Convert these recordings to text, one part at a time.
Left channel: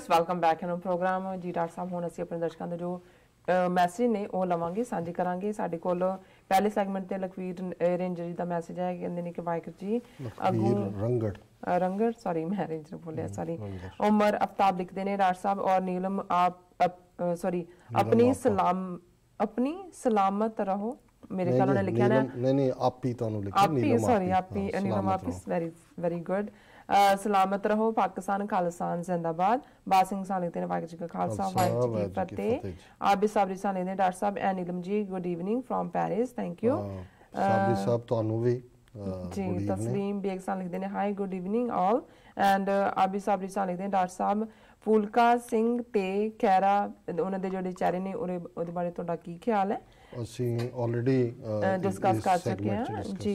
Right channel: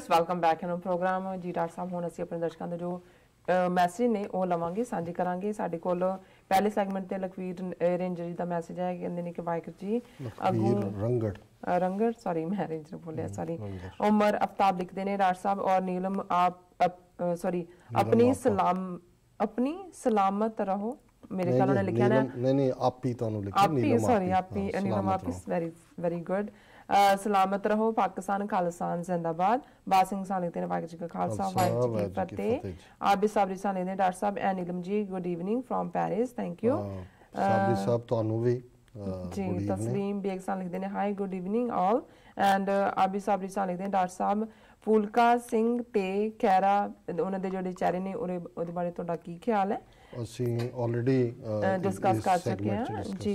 Viewers welcome back in program जी doctor साहब हुण असीं अपने दर्शकों के जो मैसेज ने वो लवांगे साझे करांगे साडे कोल पहले सैगमेंट ते लखवीर रेंजर जी दा मैसेज है कहंदे ने कि वाहिगुरू जी अगू रंगड़ सॉरी मैं रेंजर बोलिया सॉरी उमर आफ्ताब लिखते ने डॉक्टर साहब और नीलम आप सॉरी अपनी सलामत रहो मेरे ख्याल उन्होंने लिखा ना नहीं आप ही तो लिखा नीलम सॉरी आप ही नीलम आप इज वेरी वेरी गुड सलामत रहो पाकिस्तान खालिस्तान जिंदाबाद बात सिंह सानी ने वाहिगुरू जी का खालसा वाहिगुरू जी की फतेह आप भी साबरी सानी ने डॉक्टर साहब and Neelam ji good evening from Paris thank you Sabri साहब ਤੁਹਾਨੂੰ ਵੀ जी तस्लीम बेग सानी लिखते हैं hi good evening all and आप भी साबरी सानी लिखते हैं डॉक्टर साहब फूलका सिंह ते खैरा ਉਹਨਾਂ ਦੇ ਜਿਹੜੇ ਚਿਹਰੇ ਨੇ ਉਹਦੇ ਬਾਰੇ ਤੁਹਾਡਾ ਕੀ ਖਿਆਲ ਹੈ ਅਸੀਂ ਆਲਰੇਡੀ डिस्कस कर चुके हैं जी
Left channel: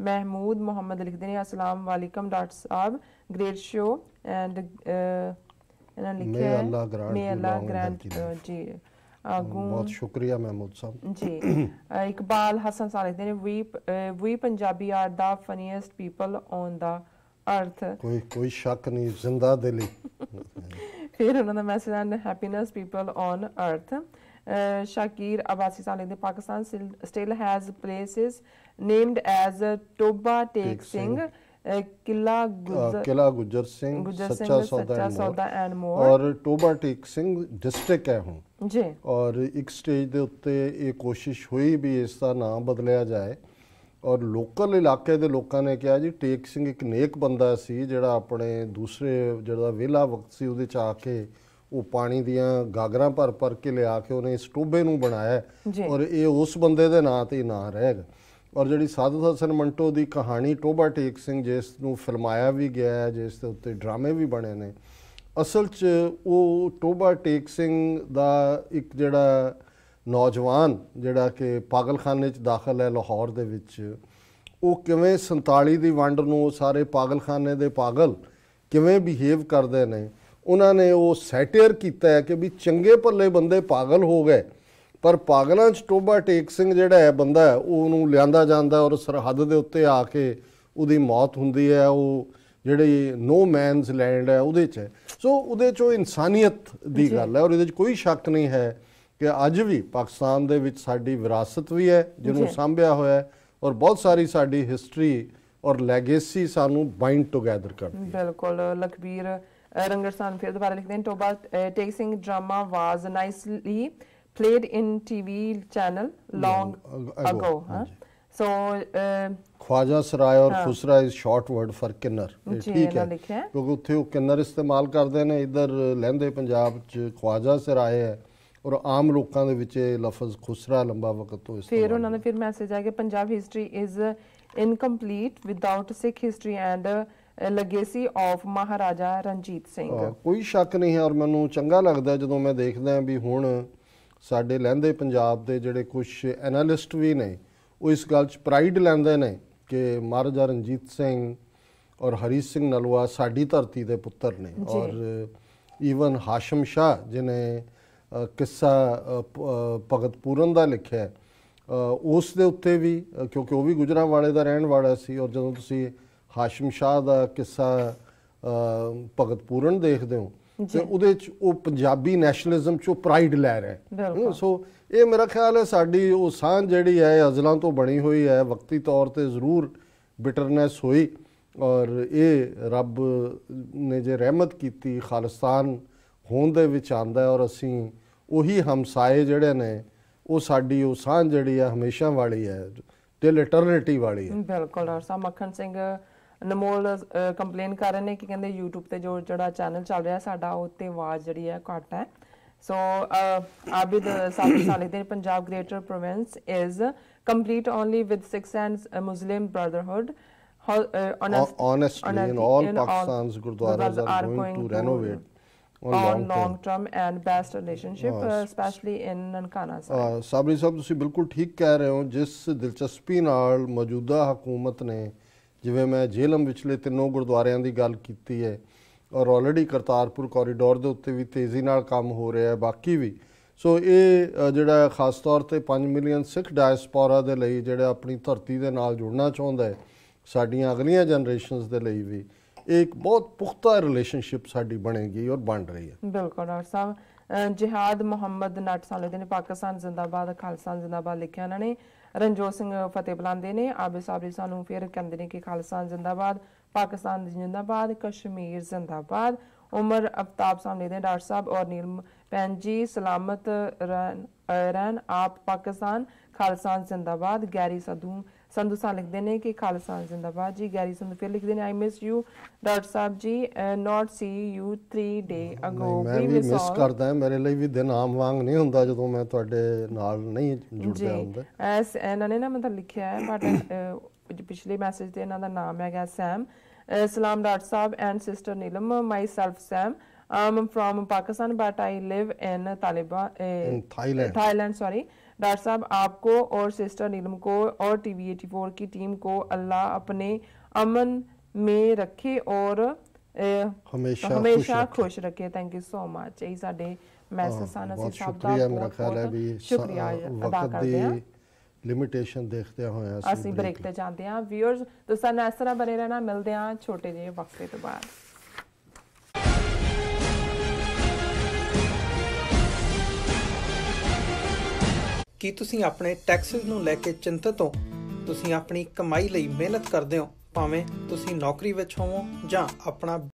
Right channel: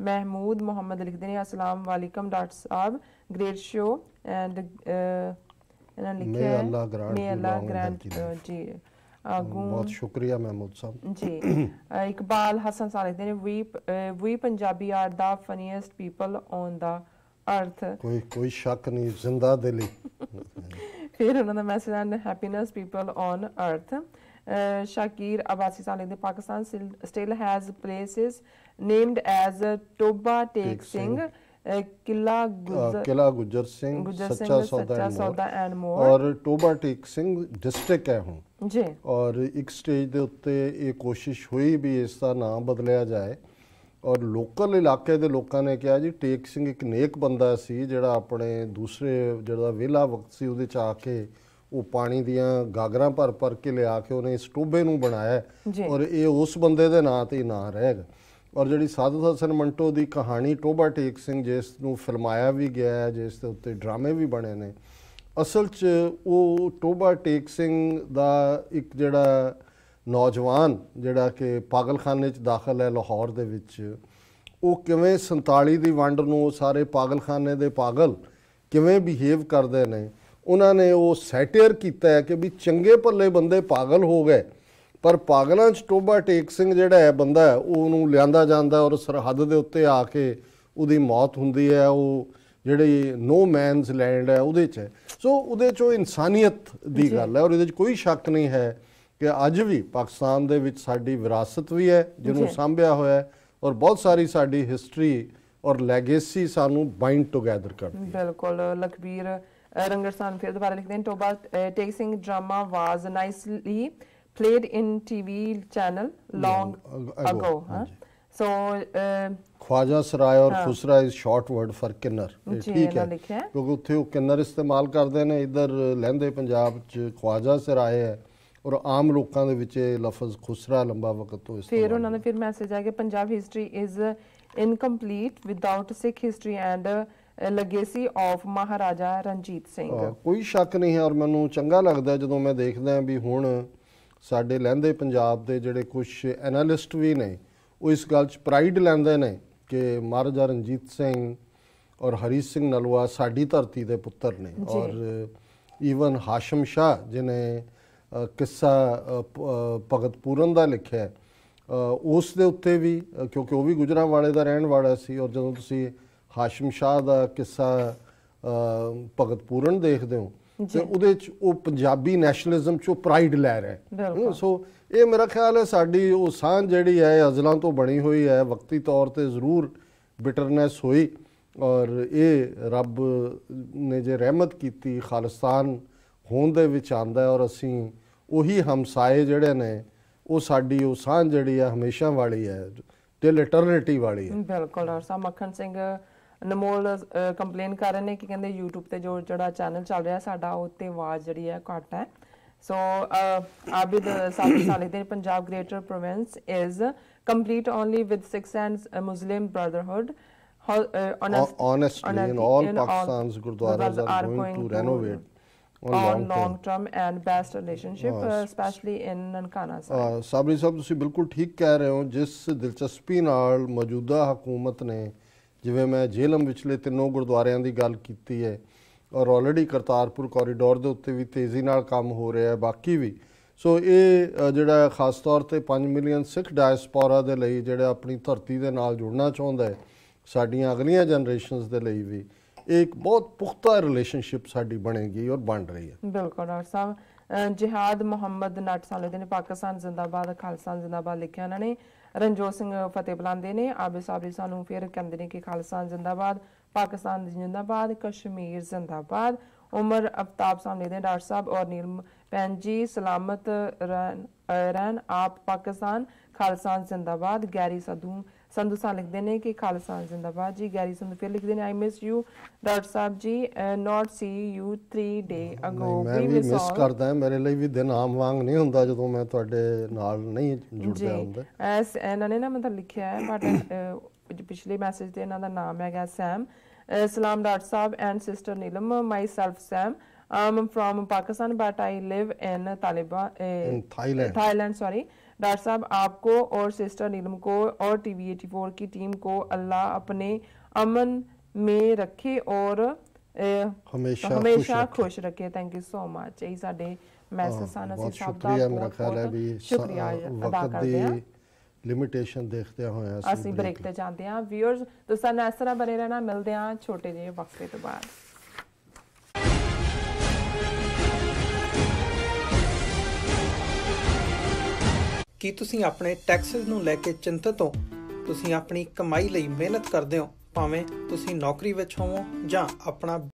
महमूद मोहम्मद लिखते हैं अस्सलाम वालेकुम डॉक्टर साहब ग्रेट शो एंड मे अल्लाह ग्रांट जी बहुत शुक्रिया महमूद साहब जी इकबाल हसन साहब लिखते हैं we Punjabi are the funniest people on the earth कोई शक नहीं जिंदा दिली फिर उन्होंने message and happiness people on earth Shakir Abbasi Saleh, the Pakistan still has places named as Toba Tek Singh, Killa Gujjar Singh, Sacha Sauda and more और Toba Tek Singh district है ਹੁਣ जी और एक स्टेज ਦੇ ਉੱਤੇ ਇਹ ਕੋਸ਼ਿਸ਼ ਹੋਈ ਵੀ ਇਸ ਦਾ ਨਾਮ ਬਦਲਿਆ ਜਾਏ ਔਰ ਲੋਕਲ ਇਲਾਕੇ ਦੇ ਲੋਕਾਂ ਨੇ ਕਿਹਾ ਜੀ ਟੇਕ ਸਿੰਘ ਇੱਕ ਨੇਕ ਬੰਦਾ ਸੀ ਜਿਹੜਾ ਆਪਣੇ ਦੂਸਰੇ ਜਿਹੜਾ ਵਿਹਲਾ ਵਕਤ ਸੀ ਉਹਦੇ ਚ ਆ ਕੇ ਉਹ ਪਾਣੀ ਦੀਆਂ ਗਾਗਰਾਂ ਭਰ ਕੇ ਲਿਆ ਕੇ ਉਹਨੇ ਇਸ ਟੋਬੇ ਨੂੰ ਬਣਾਇਆ ਔਰ ਇਹ ਉਸ ਬੰਦੇ ਦੇ ਨਾਂ ਤੇ ਹੀ ਨਾਂ ਰਹੇਗਾ ਔਰ ਜਿਹੜੀ ਸਾਧੂ ਹਸਨ ਮੰਟੋ ਦੀ ਕਹਾਣੀ ਟੋਬਾ ਟੇਕ ਸਿੰਘ ਜਿਸ ਨੂੰ ਫਿਲਮਾਇਆ ਵੀ ਗਿਆ ਹੈ ਜਿਸ ਦੇ ਉੱਤੇ ਡਰਾਮੇ ਵੀ ਬਣੇ ਨੇ ਅਸਲ 'ਚ ਉਹ ਟੋਬਾ ਟੇਕ ਸਿੰਘ ਦਾ ਇੱਕ ਜਿਹੜਾ ਨੌਜਵਾਨ ਜਿਹੜਾ ਕਿ ਪਾਗਲਖਾਨੇ 'ਚ ਦਾਖਲ ਹੈ ਲਾਹੌਰ ਦੇ ਵਿੱਚ ਉਹ ਕਿਵੇਂ 47 ਦੀ ਵੰਡ ਨੂੰ ਸਾਰੇ ਪਾਗਲਖਾਨੇ ਦੇ ਪਾਗਲ ਕਿਵੇਂ ਬਿਹੇਵ ਕਰਦੇ ਨੇ उन्होंने वो सैटेयर किया है कि भी चंगे भले बंदे पागल हो गए पर पागलों च टोबा टेक सिंह जिहड़ा है बंदा है वो लिया जाता और सरहद के उत्ते आके उसकी मौत होंदी है वो जिहड़ी नो मैनस लैंड है उहदे च सो उहदे चो इंसानियत की गल है और इहदे कोई शक नहीं है कि अज भी पाकिस्तान दे विच साडी विरासत भी है जिन्होंने सांभिया होया है और बहुत सारी साडी हिस्टरी और लैगेसी सानू बाइंड टुगैदर करदी है बिल्कुल लखबीर रंगरसान फिर दोबारा लिखते हैं Toba Tek Singh drama was nicely played in TV channel long ago so ख्वाजा सराय और खुसरा इज शॉर्ट वर्ड फॉर किन्नर ठीक है क्योंकि उत्थे वो किन्नर इस्तेमाल करते हैं इधर लहंदे पंजाब च ख्वाजा सराय है और आम लोगों के विच लफज खुसरा लंबा वक्त तो फिर उन्होंने फिर मैसेज है कि Punjab history is incomplete without Sikh history and legacy of Maharaja Ranjit Singh कोई शक नहीं है और मैनू चंगा लगता जो मैं देखदा भी हुण साडे लहंदे पंजाब दे जिहड़े कुछ एनालिस्ट भी ने वो इस गल च प्राइड लैंदे ने कि महाराजा रणजीत सिंह और हरी सिंह नलवा साडी धरती दे पुत्तर ने और ईवन हाशम शाह जिन्हें किस्सा भगत पूरन दा लिखिया उस दे उत्ते भी क्योंकि वो भी गुजरांवाले दा रहण वाला सी और जदों तुसीं हाशिम शाह का किस्सा भगत पूरन देखते हो तो उहदे च वो पंजाबी नैशनलिज्म चो प्राइड लै रहा है सो ये मेरा ख्याल है साडी वो सांझ जिहड़ी है अज़लां तो बनी हुई है वक्ती तौर पर जरूर बिटरनेस हुई और ये रब ने जे रहमत की खालिस्तान होण दे विच आंदा और असीं उही हमसाए जिहड़े ने वो साडी वो सांझ जिहड़ी है हमेशा वाली है टिल इटरनिटी वाली है बिल्कुल और सा मक्खन सिंह नमोल कंप्लेन कर रहे हैं कि कहते यूट्यूब पे जो जड़ा चैनल चल रहा है साडा उत्ते आवाज़ जिहड़ी है घट है सो आबिद साबिर साले दे Punjab greater province is complete only with Sikhs and Muslim brotherhood honestly in all Pakistan's gurdwaras are going to renovate on long term and best relationship especially in Nankana Sabri साहब ਤੁਸੀਂ ਬਿਲਕੁਲ ਠੀਕ ਕਹਿ ਰਹੇ ਹੋ ਜਿਸ ਦਿਲਚਸਪੀ ਨਾਲ ਮੌਜੂਦਾ ਹਕੂਮਤ ਨੇ ਜਿਵੇਂ ਮੈਂ ਜੇਲਮ ਵਿਚਲੇ ਤਿੰਨੋਂ ਗੁਰਦੁਆਰਿਆਂ ਦੀ ਗੱਲ ਕੀਤੀ ਹੈ ਔਰ ਆਲਰੇਡੀ ਕਰਤਾਰਪੁਰ ਕੋਰੀਡੋਰ ਦੇ ਉੱਤੇ ਵੀ ਤੇਜ਼ੀ ਨਾਲ ਕੰਮ ਹੋ ਰਿਹਾ ਹੈ ਬਾਕੀ ਵੀ ਸੋ ਇਹ ਜਿਹੜਾ ਖਾਸ ਤੌਰ ਤੇ 5 ਮਿਲੀਅਨ ਸਿੱਖ ਡਾਇਸਪੋਰਾ ਦੇ ਲਈ ਜਿਹੜਾ ਆਪਣੀ ਧਰਤੀ ਦੇ ਨਾਲ ਜੁੜਨਾ ਚਾਹੁੰਦਾ ਹੈ ਸਾਡੀਆਂ ਅਗਲੀਆਂ ਜਨਰੇਸ਼ਨਸ ਦੇ ਲਈ ਵੀ ਇਹ ਇੱਕ ਬਹੁਤ ਪੁਖਤਾ ਰਿਲੇਸ਼ਨਸ਼ਿਪ ਸਾਡੀ ਬਣੇਗੀ ਔਰ ਬਣ ਰਹੀ ਹੈ। ਬਿਲਕੁਲ ਡਾਕਟਰ ਸਾਹਿਬ। ਜਿਹਾਦ ਮੁਹੰਮਦ ਨਟ ਸਾਲੇ ਦੇ ਨੇ ਪਾਕਿਸਤਾਨ ਜ਼ਿੰਦਾਬਾਦ ਖਾਲਸਾ ਜ਼ਿੰਦਾਬਾਦ ਲਿਖਿਆ ਇਹਨਾਂ ਨੇ। ਰਣਜੋਤ ਸਿੰਘ ਫਤਿਹ ਬੁਲਾਉਂਦੇ ਨੇ। ਆਬਿਦ ਸਾਬਰੀ ਸਾਨੂੰ ਫਿਰ ਕਹਿੰਦੇ ਨੇ ਕਿ ਖਾਲਸਾ ਜ਼ਿੰਦਾਬਾਦ, ਪਾਕਿਸਤਾਨ ਜ਼ਿੰਦਾਬਾਦ, ਕਸ਼ਮੀਰ ਜ਼ਿੰਦਾਬਾਦ। ਉਮਰ ਅਫਤਾਬ ਸਾਨੂੰ ਦੇ ਡਾਕਟਰ ਸਾਹਿਬ ਔਰ ਨੀਲਮ ਭੈਣ ਜੀ ਸਲਾਮਤ ਰਹਿਣ ਆਪ ਪਾਕਿਸਤਾਨ, ਖਾਲਸਾ ਜ਼ਿੰਦਾਬਾਦ। ਗੈਰੀ ਸੰਧੂ ਸਾਹਿਬ ਲਿਖਦੇ ਨੇ ਕਿ ਖਾਲਸਾ ਜ਼ਿੰਦਾਬਾਦ ਜੀ। ਗੈਰੀ ਸੰਧੂ ਫਿਰ ਲਿਖਦੇ ਨੇ I miss you doctor Sahib ji, not C you 3 ਡੇ ਅਗੋ। ਮੈਂ ਵੀ ਮਿਸ ਕਰਦਾ, ਮੇਰੇ ਲਈ ਵੀ ਦਿਨ ਆਮ ਵਾਂਗ ਨਹੀਂ ਹੁੰਦਾ ਜਦੋਂ ਮੈਂ ਤੁਹਾਡੇ ਨਾਲ ਨਹੀਂ ਜੁੜਦਾ ਹੁੰਦਾ। ਐਸ ਇਹਨਾਂ ਨੇ ਨਾ ਮਤਲਬ ਲਿਖਿਆ ਹੈ ਬਟ ਪਿਛਲੇ ਮੈਸੇਜ ਤੇ ਇਹਨਾਂ ਦਾ ਨਾਮ ਹੈਗਾ ਸੈਮ। ਸਲਾਮ ਡਾਕਟਰ ਸਾਹਿਬ and sister Neelam, myself Sam, I'm from Pakistan but I live in Thailand sorry। Doctor साहब आपको और सिस्टर नीलम को और टीवी 84 की टीम को अल्लाह अपने अमन में रखे और हमेशा खुश रखे। Thank you so much. यही साडे मैसेज सन ਅਸੀਂ ਸਭ ਦਾ ਮੇਰਾ ਖਿਆਲ ਹੈ ਵੀ ਸ਼ੁਕਰੀਆ ਅਦਾ ਕਰਦੇ ਹਾਂ। ਲਿਮਿਟੇਸ਼ਨ ਦੇਖਦੇ ਹੋਏ ਅਸੀਂ ਬ੍ਰੇਕ ਤੇ ਜਾਂਦੇ ਹਾਂ। ਵਿਊਅਰਸ ਤੁਸੀਂ ਨਾਲ ਇਸ ਤਰ੍ਹਾਂ ਬਣੇ ਰਹਿਣਾ। ਮਿਲਦੇ ਹਾਂ ਛੋਟੇ ਜਿਹੇ ਵਕਫੇ ਤੋਂ ਬਾਅਦ। ਕੀ ਤੁਸੀਂ ਆਪਣੇ ਟੈਕਸਿਸ ਨੂੰ ਲੈ ਕੇ ਚਿੰਤਤ ਹੋ? ਤੁਸੀਂ ਆਪਣੀ ਕਮਾਈ ਲਈ ਮਿਹਨਤ ਕਰਦੇ ਹੋ, ਭਾਵੇਂ ਤੁਸੀਂ ਨੌਕਰੀ ਵਿੱਚ ਹੋਵੋ ਜਾਂ ਆਪਣਾ